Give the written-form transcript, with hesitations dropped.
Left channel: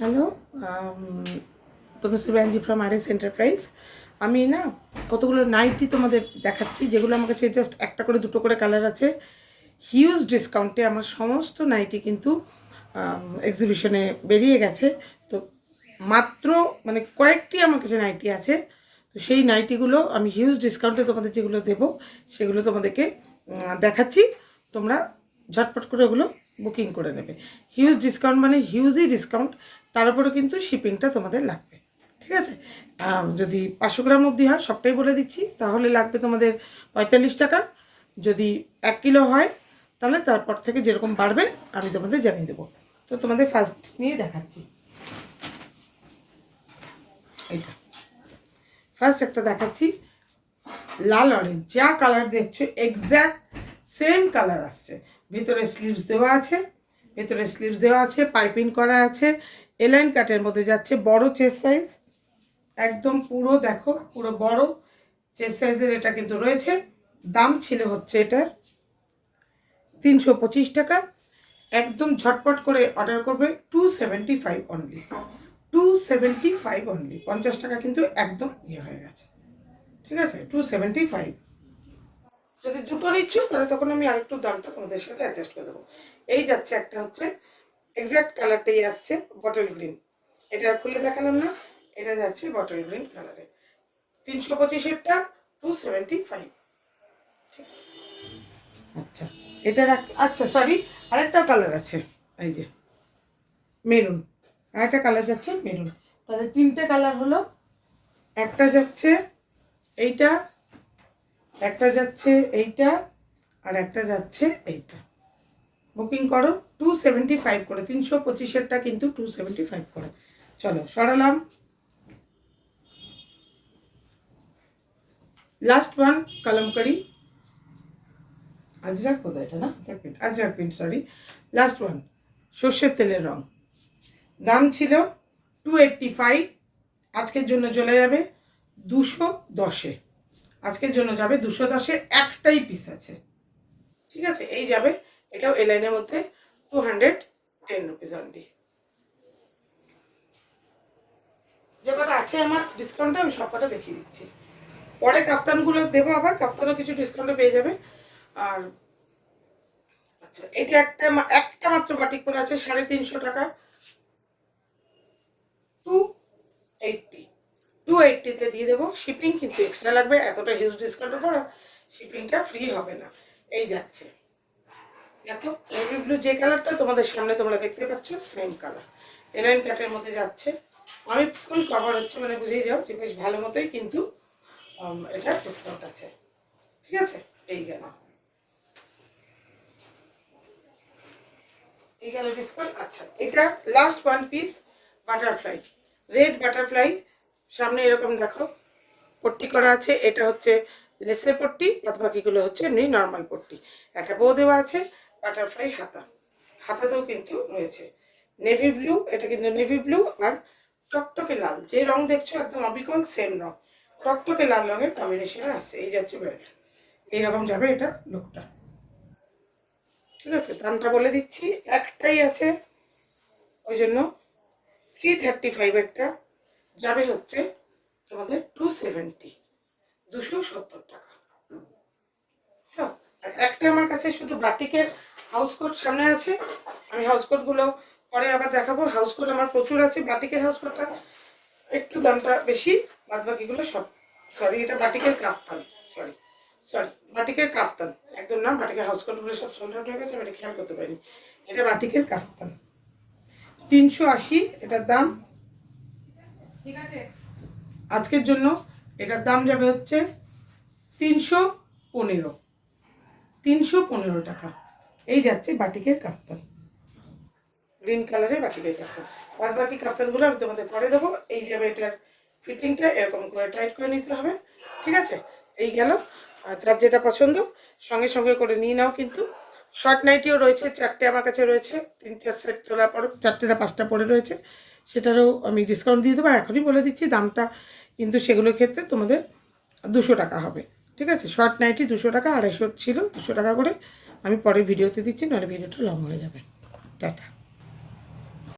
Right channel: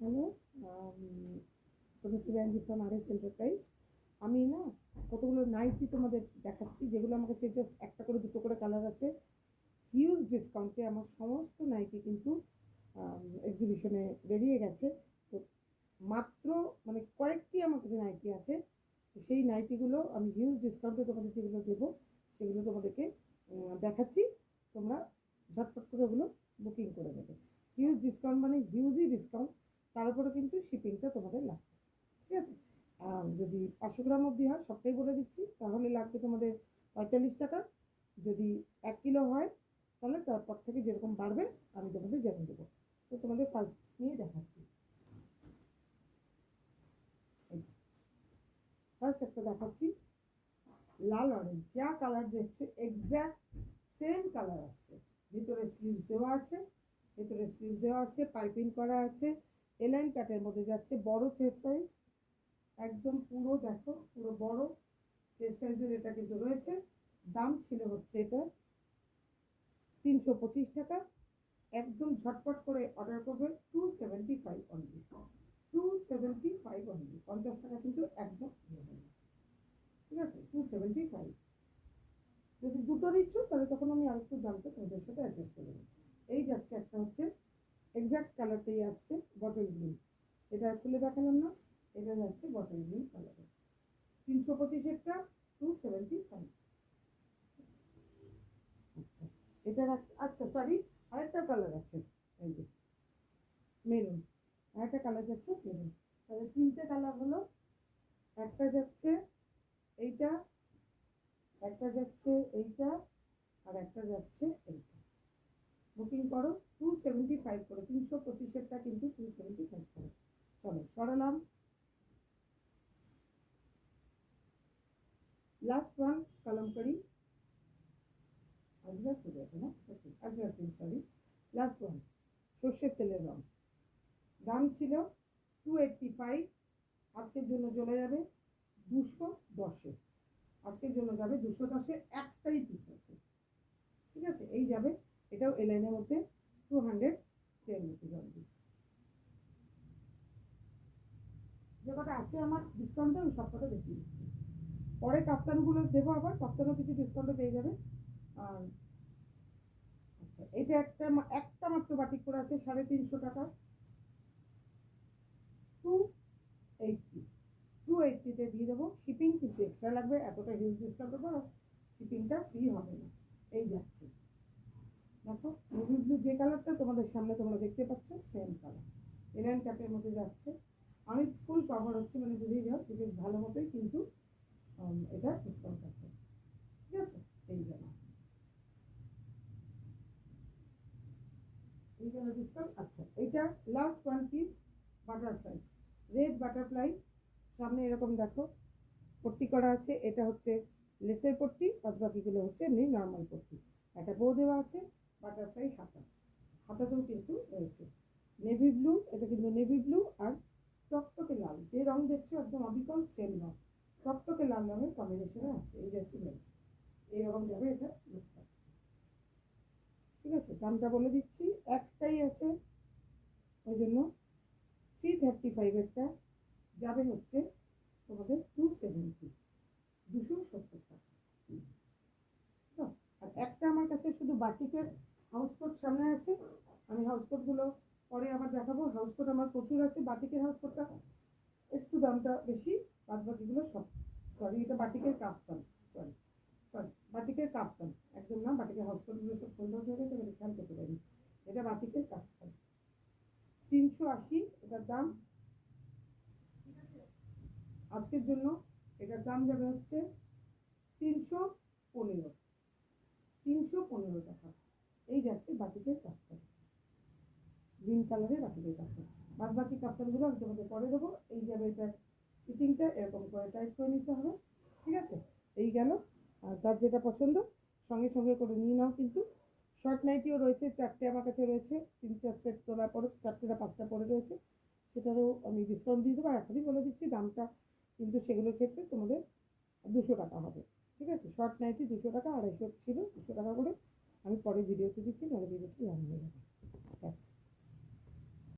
Hello, Tanushree Banerjee from R S enterprise. আমি না কতগুলো নাইটি তোমাদের দেখাচ্ছি, যেগুলো আমার কাছে জাস্ট একটা করে দুটো করে কালার আছে। হিউজ ডিসকাউন্টে আমার সমস্ত নাইটি কিন্তু এক্সিবিশনে বেরিয়ে গেছে। তো মাত্র মানে কয়েকটি আমার কাছে নাইটি আছে। তো সেই নাইটিগুলো আমি হিউজ ডিসকাউন্টে তোমাদের যেগুলো দেবো সেগুলো তোমাদেরকে দেখাচ্ছি। তোমরা ঝটপট করে ওগুলো বুকিং করে নেবে। হিউজ ডিসকাউন্ট মানে হিউজই ডিসকাউন্ট, তার উপরে কিন্তু শিপিংটা তোমাদের লাগবে। ঠিক আছে, যদি 500 গ্রাম অবধি হয়, সবটাই বলে দিচ্ছি, তাহলে লাগবে তোমাদের 45 টাকা। যদি 1 কিলো হয় তাহলে তারপর থেকে যেরকম বাড়বে আমি তোমাদের জানিয়ে দেবো। তো তোমাদের ফার্স্ট নিয়ে দেখাচ্ছি। এইটা ফার্স্ট একটা দেখাচ্ছি, লাল অরেঞ্জ। যা কালার দেখছো এক্স্যাক্ট সেম কালার আসছে। ভিতরে স্লিভস দেওয়া আছে, পাইপিং করা আছে, এলাইন কাটের মধ্যে যাচ্ছে। বড় চেস্ট সাইজ, একদম পুরো দেখো, পুরো বড় চেস্ট সাইজের এটা কিন্তু রয়েছে। দাম ছিল হচ্ছে এটার 325 টাকা। একদম ঝটপট করে অর্ডার করবে, 275 অনলি, 275 অনলি। 50 টাকা কিন্তু একদম ইয়ে হয়ে গেছে। ঠিক আছে, 275। যদি দুটো নিচ্ছ তাহলে তখন আমি আরেকটু দামটা তোমাদের সাথে অ্যাডজাস্ট করে দেবো। এই যাচ্ছে একটা, হচ্ছে এক্স্যাক্ট কালারটাই আসছে বটল গ্রিন। এটা খুলে দেখালাম না, এটা যাচ্ছে বটল গ্রিন কালারে। 325-এরটা 275। আচ্ছা, এটার আচ্ছা সরি, আরেকটা কালার আছে, এই যে মেরুন। আরেকটা কালার যাচ্ছে মেরুন। তাহলে তিনটে কালার হলো। একটা যাচ্ছে এইটা, একটা যাচ্ছে এইটা, আর একটা যাচ্ছে এইটা। বুকিং করো 275 করে। 325-এরটা কিন্তু 275 করে। চলো সরালাম। লাস্ট ওয়ান কালামকারি আজরাক, কোথায় এটা, না Ajrak print, sorry. Last one সর্ষের তেলের রং। দাম ছিল 285, আজকের জন্য চলে যাবে 210-এ। আজকের জন্য যাবে 210-এ। একটাই পিস আছে, ঠিক আছে, এই যাবে। এটাও এ লাইনের মধ্যে 210 রুপিস অনলি। যে কটা আছে আমার ডিসকাউন্টে আমি সব কটা দেখিয়ে দিচ্ছি। পরে কাফতানগুলো দেবো, আবার কাফতানও কিছু ডিসকাউন্টে পেয়ে যাবে। আর আচ্ছা, এটা একটা মাত্র বাটিক পরে আছে 350 টাকা, 280। 280-তে দিয়ে দেবো। শিপিং কিন্তু এক্সট্রা লাগবে, এতটা হিউজ ডিসকাউন্টের পর শিপিংটা ফ্রি হবে না। এই যাচ্ছে দেখো, নেভি ব্লু যে কালারটা তোমাদের সামনে তোমরা দেখতে পাচ্ছ, সেম কালার। এলাইন কাটের মধ্যে যাচ্ছে। আমি ফুল কভার হচ্ছে, মানে বুঝেই যাও যে বেশ ভালো মতোই কিন্তু এটা ডিসকাউন্ট আছে। ঠিক আছে, এই গেল ডিসকাউন্ট। আচ্ছা, এটা last one piece butterfly, red butterfly. সামনে এরকম দেখো পট্টি করা আছে, এটা হচ্ছে লেসের পট্টি, বাদ বাকিগুলো হচ্ছে এমনি নর্মাল পট্টি। একটা বো দেওয়া আছে, বাটারফ্লাই হাতাতেও কিন্তু রয়েছে নেভি ব্লু। এটা কিন্তু নেভি ব্লু আর টকটকে লাল, যে রং দেখছো একদম অবিকল সেম রং, টকটকে লাল রঙের কম্বিনেশনে আসছে। এই যাচ্ছে বেল্ট, এইরকম যাবে এটা লুকটা। ঠিক আছে, দামটা বলে দিচ্ছি, একটাই আছে ওই জন্য 335। একটা যাবে হচ্ছে তোমাদের 270, 270 টাকা। হ্যাঁ, আর একটা আমার কাছে শুধু বাটিকের হাউস কোট সামনে আছে। আমি হাউস কোটগুলো পরে আবার দেখাবো। হাউস কোট আমার প্রচুর আছে, বাটিকের হাউস কোটটা একটু দামটা বেশি, বাদ বাকিগুলো সব। সরি, এটা বাটিকের কাফতান, সরি বাটিকের কাফতান, একদম না। বাটিকের হাউস কোটগুলো সব সোল্ড আউট হয়ে গেছে, আমি এটা খেয়াল করতে পারিনি। এটা বাটিকের কাফতান, 380 এটার দাম। ঠিক আছে, আজকের জন্য এটার দাম যাবে হচ্ছে 315 টাকা। এই যাচ্ছে বাটিকের কাফতান, গ্রিন কালারের বাটিকের কাফতান। বাদ বাকি কাফতানগুলো আমি তোমাদের করে দেবো। এই যাবে এটার ফিটিংটা, এরকম করে টাইট করে নিতে হবে। ঠিক আছে, এই গেল। যার যেটা পছন্দ সঙ্গে সঙ্গে করে নিয়ে নাও। কিন্তু শর্ট নাইটিও রয়েছে, 4টে আমার কাছে রয়েছে। 3-4 সেট তোলার পর 4টে না 5টা পরে রয়েছে, সেটারও আমি ডিসকাউন্ট দিয়ে দেবো। এখনই বলে দিচ্ছি দামটা, কিন্তু সেগুলোর ক্ষেত্রে তোমাদের 200 টাকা হবে। ঠিক আছে, শর্ট নাইটি 200 টাকা, 250 ছিল 200 টাকা করে। আমি পরে ভিডিওতে দিচ্ছি, নাহলে ভিডিওটা লং হয়ে যাবে। টাটা।